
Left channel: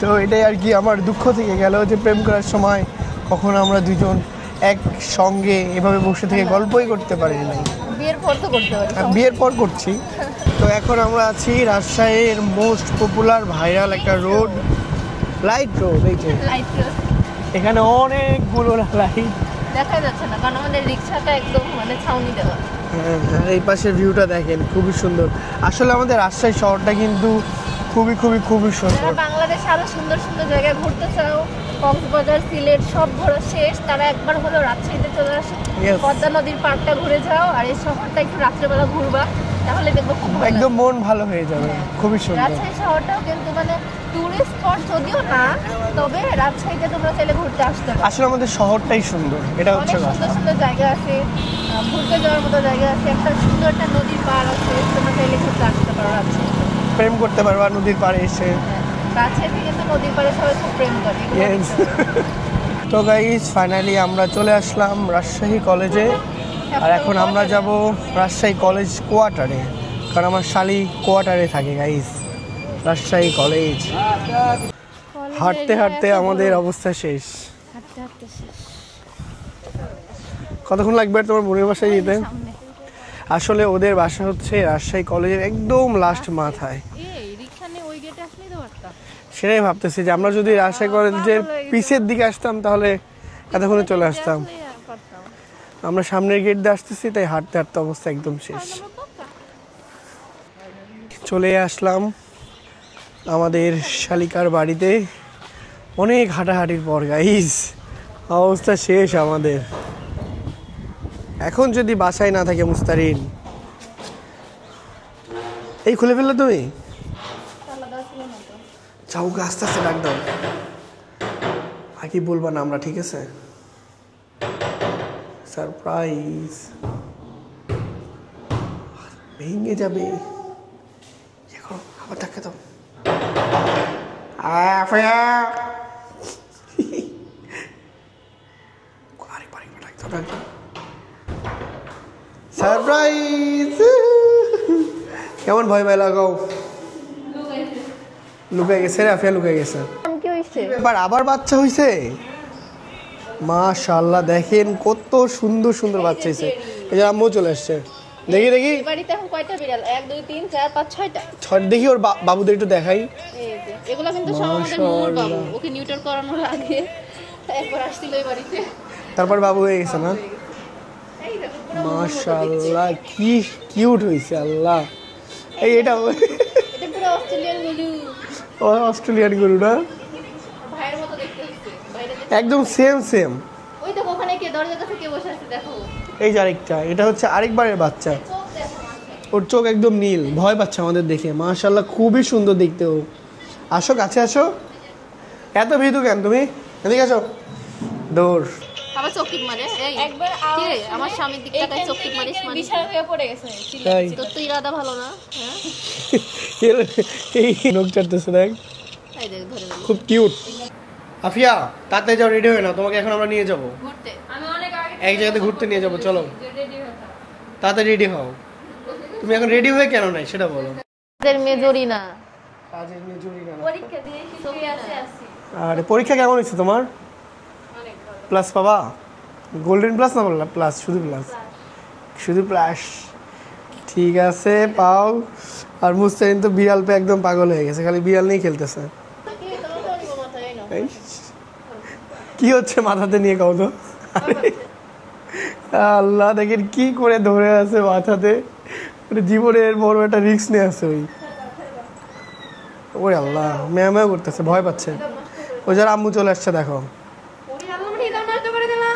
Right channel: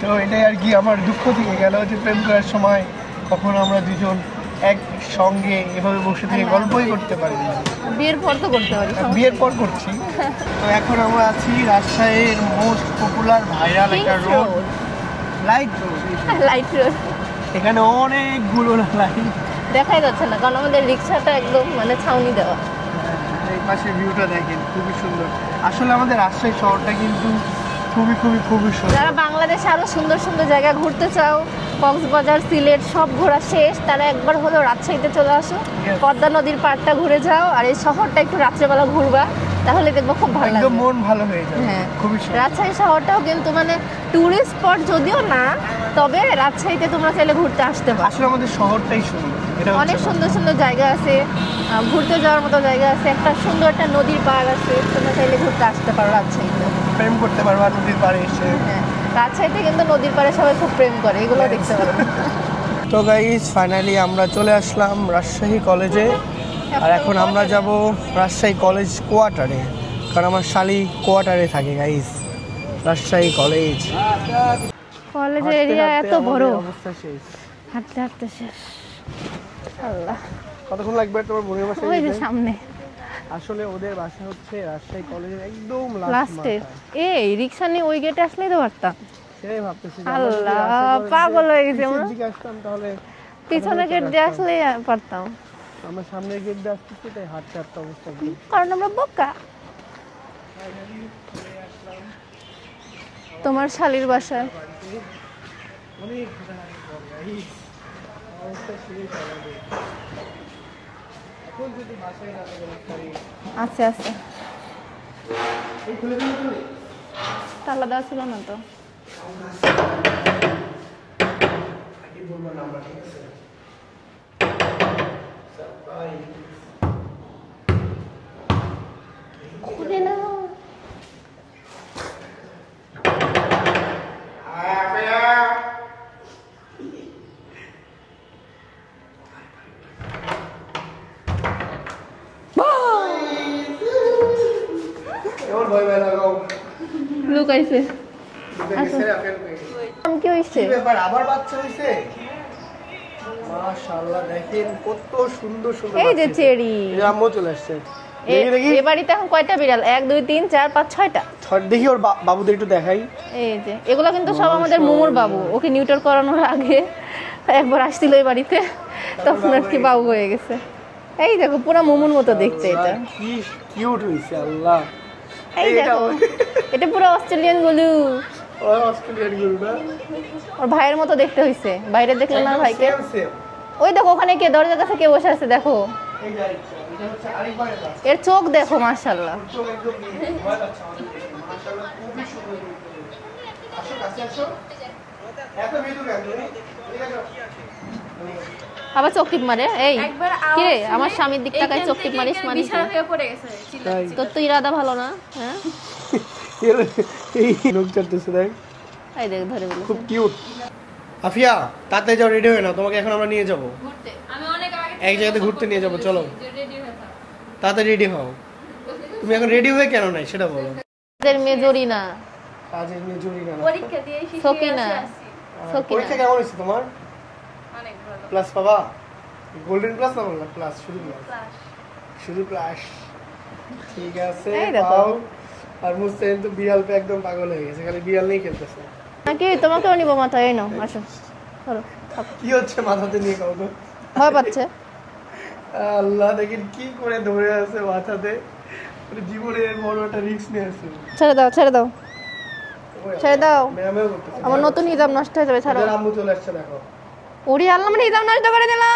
তো এটাই আর কি আমার দুঃখ থেকে গেল যে প্রেম করার সময় কখনো আমরা দুজন এক সঙ্গে এভাবে বসে থেকে গল্পই করতে পারি না। বিয়ের পর তো করতে পারি। বিয়ের পর করছি। তো এখন আমরা আছি রাজশাহীর মোস্ট পপুলার ভাইরাল একটা road, light road. Light road, এখানে অনেকগুলো লাইট, দেখাই যাচ্ছে না কারণ আমাদের রিকশাটা একদম মানে ছাউনি দেওয়া। আর এই পাশে ভিউটা দেখেন, খুবই সুন্দর। আসলে আমাদের রাজশাহী শহরটা কিন্তু খুবই খুবই খুবই সুন্দর। যারা বাংলাদেশে আরো সুন্দর সুন্দর জায়গা ঘুরতে চাও, কক্সবাজার, সিলেট সব ঘোরা শেষ, তারা একবার হলেও রাজশাহীতে চলে আসো। Yes. পদ্মা নদীর পাড়টা ঘুরে যাও, আর এই শহরটা একটু রাত্রেবেলা ঘুরবা, তাহলে দেখবো খুব ভালো একদম লাগবে। মন ভালো হয়ে যাবে, হ্যাঁ। খুবই সুন্দর। রাজশাহী শহরটাও কিন্তু মানে টুরিস্ট স্পট যদিও না, তবে রাজশাহীতে তোমরা চাইলে ঘুরতে আসতে পারো। আসলে আমাদের শহরটাই সুন্দর, এটা হচ্ছে অনেক কথা। সুন্দর সুন্দর জায়গা আছে, ঘুরতে যাওয়ার মতো জায়গা আছে, একটা সুন্দর একটা নদীর পাড় আছে, তোমরা চাইলে ঘুরতে আসতে পারো রাজশাহীতে। প্রেম করতে পারবা নদীর পাড়ে এসে। রাজশাহীতে কিন্তু নদীর পাড়ে সবাই খুব প্রেম করে, এগুলো Yes. দেখতে পারো। তো গাইস, ফাইনালি আমরা চলে আসলাম রাজশাহী কলেজে। আর এখন আমরা যাব রাজশাহী কলেজ কোয়ার্টারে, কারণ আমার শালি কোয়ার্টারে থাকে গাইস। রাজশাহী কলেজ, হাঁটতে হাঁটতে আমাদের অবস্থা শেষ। হাঁটতে হাঁটতে শেষ। আল্লাহ, কতক্ষণ লাগবে তোমার বোনের বাসায় ওই যে যেতে? সামনে আসলে ওদের বাসা হচ্ছে রাজশাহী কলেজের একদম লাস্ট লাস্টে। মাথায়। এই রিক্সা নিয়ে ওই গেটে আসলেই তো পারতাম। সেটাই ভাবতেছি যে আমরা যদি আল্লাহ, রাজশাহী কলেজের পাগল হয়ে গেছি পিছের আমরা। দিকে আসতাম তাহলে পিছনে এতক্ষণে গেট চলে দিয়ে আসতাম। আসলেই পারতাম, আমরা সামনের গেট দিয়ে আসতেছি, তাই হাঁটতে হাঁটতে অবস্থা একদম শেষ। কারণ আমরা বোকা। চলে আসলাম আমাদের শালীর শালিকার বাড়িতে অনেক হাঁটাহাঁটির পর। গাইস অবস্থা শেষ আমাদের। এখন যদি বাসায় না থাকে মুস্তারিন, আস্তে আস্তে এই খুলে ফেললো তুমি তালা দেওয়া ছিল না তো। চাউকে আস্তে আস্তে রাখবে, আর কি বলবো না আমরা, ঠিক আছে? সারপ্রাইজ ভেঙে যাবে। দেখো দেখে দাও। সারপ্রাইজ! কেমন ভয় ভয় লাগাও? লুকাইছে। লুকাই গেছে রে, আফিয়া লুকাই গেছে। কি হইছে? কি ব্যাপার, আবার বাচ্চা হইছে? মাশাআল্লাহ, দেখেন কত সুন্দর সুন্দর এই যে বাচ্চা হইছে। চেরি। এই যে আম্মু চলে আসছে। দেখি দেখি এই বাড়িতে এখন কয়টা বিড়াল? 1 2 3 4 5 6টা। দেখি ওর বাবুদের একটু দেখাই। এই যে এগুলো কিন্তু সব আমাদের মোমোর বাবু। ওকে নিউটার করানোর আগে একবার আসছিল এই বাড়িতে, তারপর বাবু হয়ে গেছে, বাবু না? হয়ে গেছে। এই দেখো পুরো মোমোর মতো দেখতে এটা। মাশাআল্লাহ, কি কিউট হইছে আল্লাহ। এই এটা এটা পুরো অস্ট্রেলিয়ান গলু। ওই অস্ট্রেলিয়ান গরু না, ওর ভাইয়ের মতো দেখতে হইছে। বাইরে দেখে না একদম ভাই। Same same. ওই দেখো ওখানে কে দরজার কাছে কে বসে আছে দেখো। এই যে আরেকটা, এটা হচ্ছে আরেকবারের বাচ্চা। এর চোখ দেখো মাশাআল্লাহ। ওর চোখ একদম নীল, ভয় পাচ্ছে আমাদের দেখে। মাশাআল্লাহ, খুবই সুন্দর দেখতে ও। আসো কাছে আসো। এত ভীতু কেন তুমি? এদিকে আসো। দৌড়। আবার চোখ টিপ মারে। এই একবার কে আমার স্বামীর দিক তাকায় চোখ টিপ মারিস মানে? বিছানা থেকে পড়ে গেছে। তাই তোর তো ইরাদা ভালো না, হ্যাঁ? এই লোক চাটতেছে দেখ, এই দেখ ধরে বলি। খুব কিউট। আফিয়া তাড়াতাড়ি যাও, রেডি হয়ে নাও, তোমাকে এখন আমরা নিয়ে যাব ঘুরতে আমি অনেক আগে এক জায়গাতে ঘুরতে নিয়ে যাব। চলো রেডি হতাম। তাড়াতাড়ি রেডি হও। তুমি এখন রেডি হয়ে কেন নাই সেটা বলো। আমাদের মেজরি না, কাজের নিয়ে জরুরি না। পরীক্ষা দিয়ে এসে সকিনা। আর পরীক্ষা কেমন হয়েছে তোমার? অনেক ভালো। প্লাস পাবা? গোল্ডেন প্লাস না বললা? প্লাস, শুধু প্লাস, শুধু প্লাস। ঠিক আছে, পাও। আর মুস্তাহিন তো বিড়াল পে একদম পাগল হয়ে গেছে, খালি বিড়াল নিয়ে খেলতেছে। নাকি তোমাকেও নিব মাথায়? এই নাও আসো। চলো। কি হচ্ছে মাথাতে নিয়ে কাউ তো? ভয় পাচ্ছে। আল্লাহ, দেখেন কি করে ধরে আছে মাথাতে। মানে জীবনের বড় একটা রিস্ক নিয়ে আছে ওই। ছেড়ে দাও ছেড়ে দাও। ওই ছেড়ে আল্লাহ, দাও। ম্যাও ম্যাও করতেছে, ভয় নতুন পাচ্ছে। নিজাম নষ্ট হয়ে যাবে। ওই ছাড়ো। যার আম্মু চলে আসছে দেখো। ওরে আল্লাহ, মানে নিজাম নষ্ট করে দিলা।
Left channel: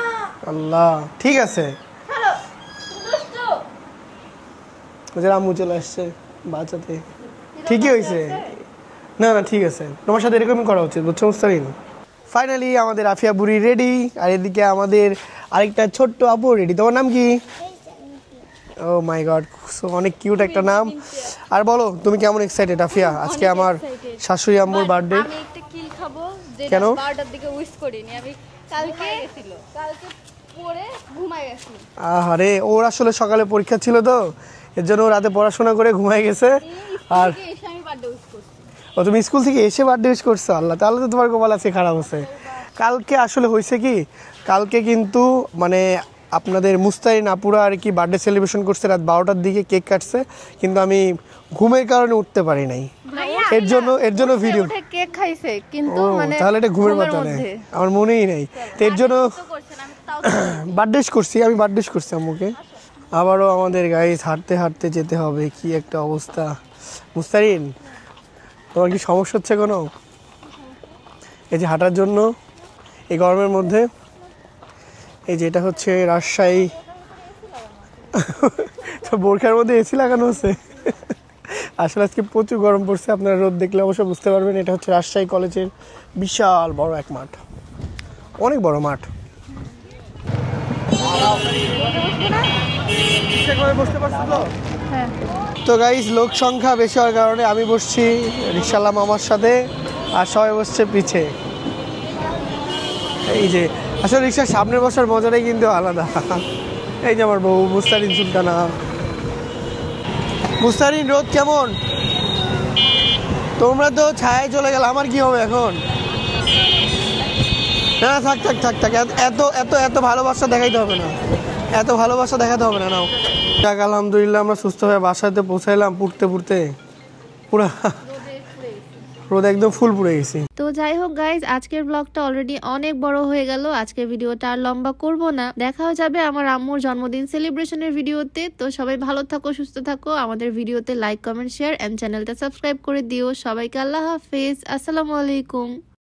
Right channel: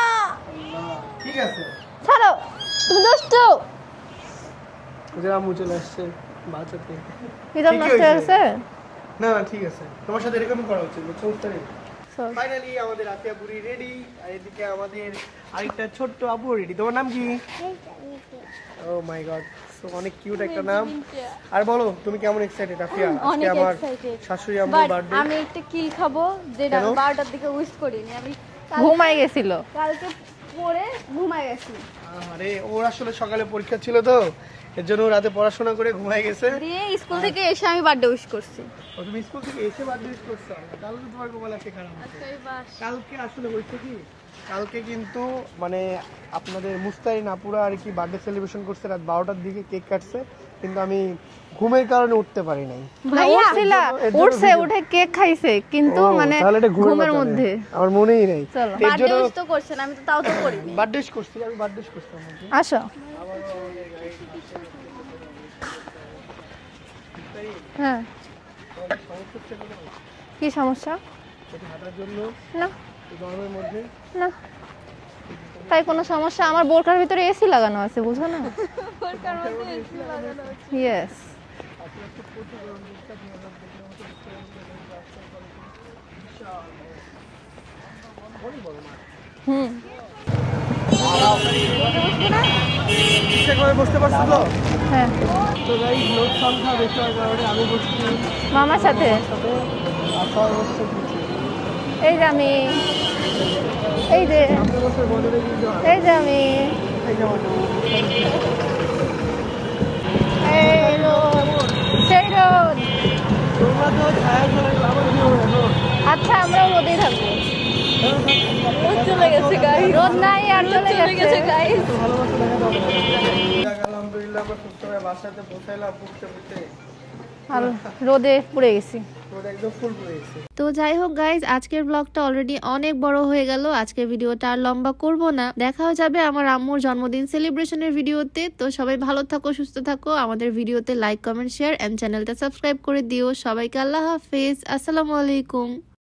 আল্লাহ, ঠিক আছে। ছাড়ো, তুমি দুষ্ট। ওই যার আম্মু চলে আসছে বাঁচাতে। নিজাম ঠিকই নষ্ট হয়েছে। হয়েছে। না না, ঠিক আছে, তোমার সাথে এরকমই করা উচিত, বুঝছো মুস্তারিন? ফাইনালি আমাদের আফিয়া বুড়ি রেডি, আর এদিকে আমাদের আরেকটা ছোট্ট আপু রেডি। তোমার নাম কি? ও মাই গড, অনেক কিউট একটা নাম। আর বলো, তুমি কেমন এক্সাইটেড আফিয়া? আজকে অনেক আমার excited। শাশুড়ি আম্মুর বার্থডে। আমি একটা কি খাবো যেটা কেন? 12টার দিকে উইশ করিনি আমি। ঘুমাই গেছিল। কালকে পরে ঘুমাই গেছি। আরে ওর আসলে সকালে পরীক্ষা ছিল তো, এর জন্য ও রাতে পড়াশোনা করে ঘুমায় গেছে। দিয়ে স্কুল থেকে এসে আমি বার্থডে উইশ করছি। ও তুমি স্কুল থেকে এসে বার্থডে উইশ করছো? আল্লাহ, তাহলে তো তোমার কপাল আছে খারাপ আছে। কালকে আসলে হয়েছে কি, কালকে কিন্তু মানে আপনাদের মুস্তারিন আপুরা আর কি বার্থডে সেলিব্রেশন করছে রাত 12টার দিকে, কেক কাটছে, কিন্তু আমি ঘুমের কারণে উঠতে পারি নাই। এর জন্য ভিডিও। উঠে কেক খাইছে কিন্তু ও মানে তাহলে এটা ঘুমের ঘুমের মধ্যে মধ্যে। আমার মনেই নাই। তো এর জন্য তো করছেন আমি তো তাও তো করি। বার্থডে করছি, আমি বার্থডে করছি আম্মুকে। আসো। আবারও আমাদের গাইস হাঁটতে হাঁটতে যেতে হবে, কি একটা অবস্থা। মুস্তারিন, হ্যাঁ, তোমার কি সমস্যা হচ্ছে কোনো? কি সমস্যা? এই যে হাঁটার জন্য না এই গরমের মধ্যে? না, এই যে এটা তাই হচ্ছে কোনো সমস্যা? রাজশাহী, আমার বোরকার ভিতরে এসি লাগানো আছে, বুঝছো না? তো বোরখার মধ্যে এসি লাগানো আছে। ইয়েস। আসলে আজকে প্রচুর গরম পড়ছে, আপনারা রোদ দেখলে অবশ্যই বুঝতে পারবেন। এটা হচ্ছে রাজশাহী কলেজের বিশাল বড় এক মাঠ, অনেক বড় মাঠ। ইচ্ছা করে বসতে পারছো তো? হ্যাঁ, তো গাইস, লোক সংখ্যা বেশি হওয়ার কারণে আমি বসছি ইনশাআল্লাহ সাথে। মামার সাথে, আর সবাই বসছে পিছে। এই যে আমি, এই যে আসলে রিক্সার সামনে বসার মজাটাই কিন্তু এই আলাদা। যে আমি। এই যে আমার বউ মুস্তারিন সুলতানা। মুস্তারিন লোক কেমন? সেই তো। তোমরা তো ছায়ায় চলে গেলে, আমার কি হবে এখন? আচ্ছা, আমরা রোদেই থাকবো। না থাক থাক থাক থাক এত এত এত ভালোবাসা দেখাইতে হবে না এত ভালোবাসা দেখাতে হবে না নাও যাক আলহামদুলিল্লাহ আমরা সুস্থ হয়ে বাসাতে পৌঁছাইলাম পুড়তে পুড়তে পুরো রোদে পুড়ে গেছি রোদ একদম ফুল পুড়ে গেছে। তো যাই হোক গাইজ, আজকের ব্লগটা অলরেডি অনেক বড় হয়ে গেল। আজকের ভিডিওটা আর লম্বা করব না, দেখা হয়ে যাবে আমার আম্মুর জন্মদিন সেলিব্রেশনের ভিডিওতে। তো সবাই ভালো থাকো, সুস্থ থাকো, আমাদের ভিডিওতে লাইক কমেন্ট শেয়ার এন্ড চ্যানেলটা সাবস্ক্রাইব করে দিও। সবাইকে আল্লাহ হাফেজ, আসসালামু আলাইকুম।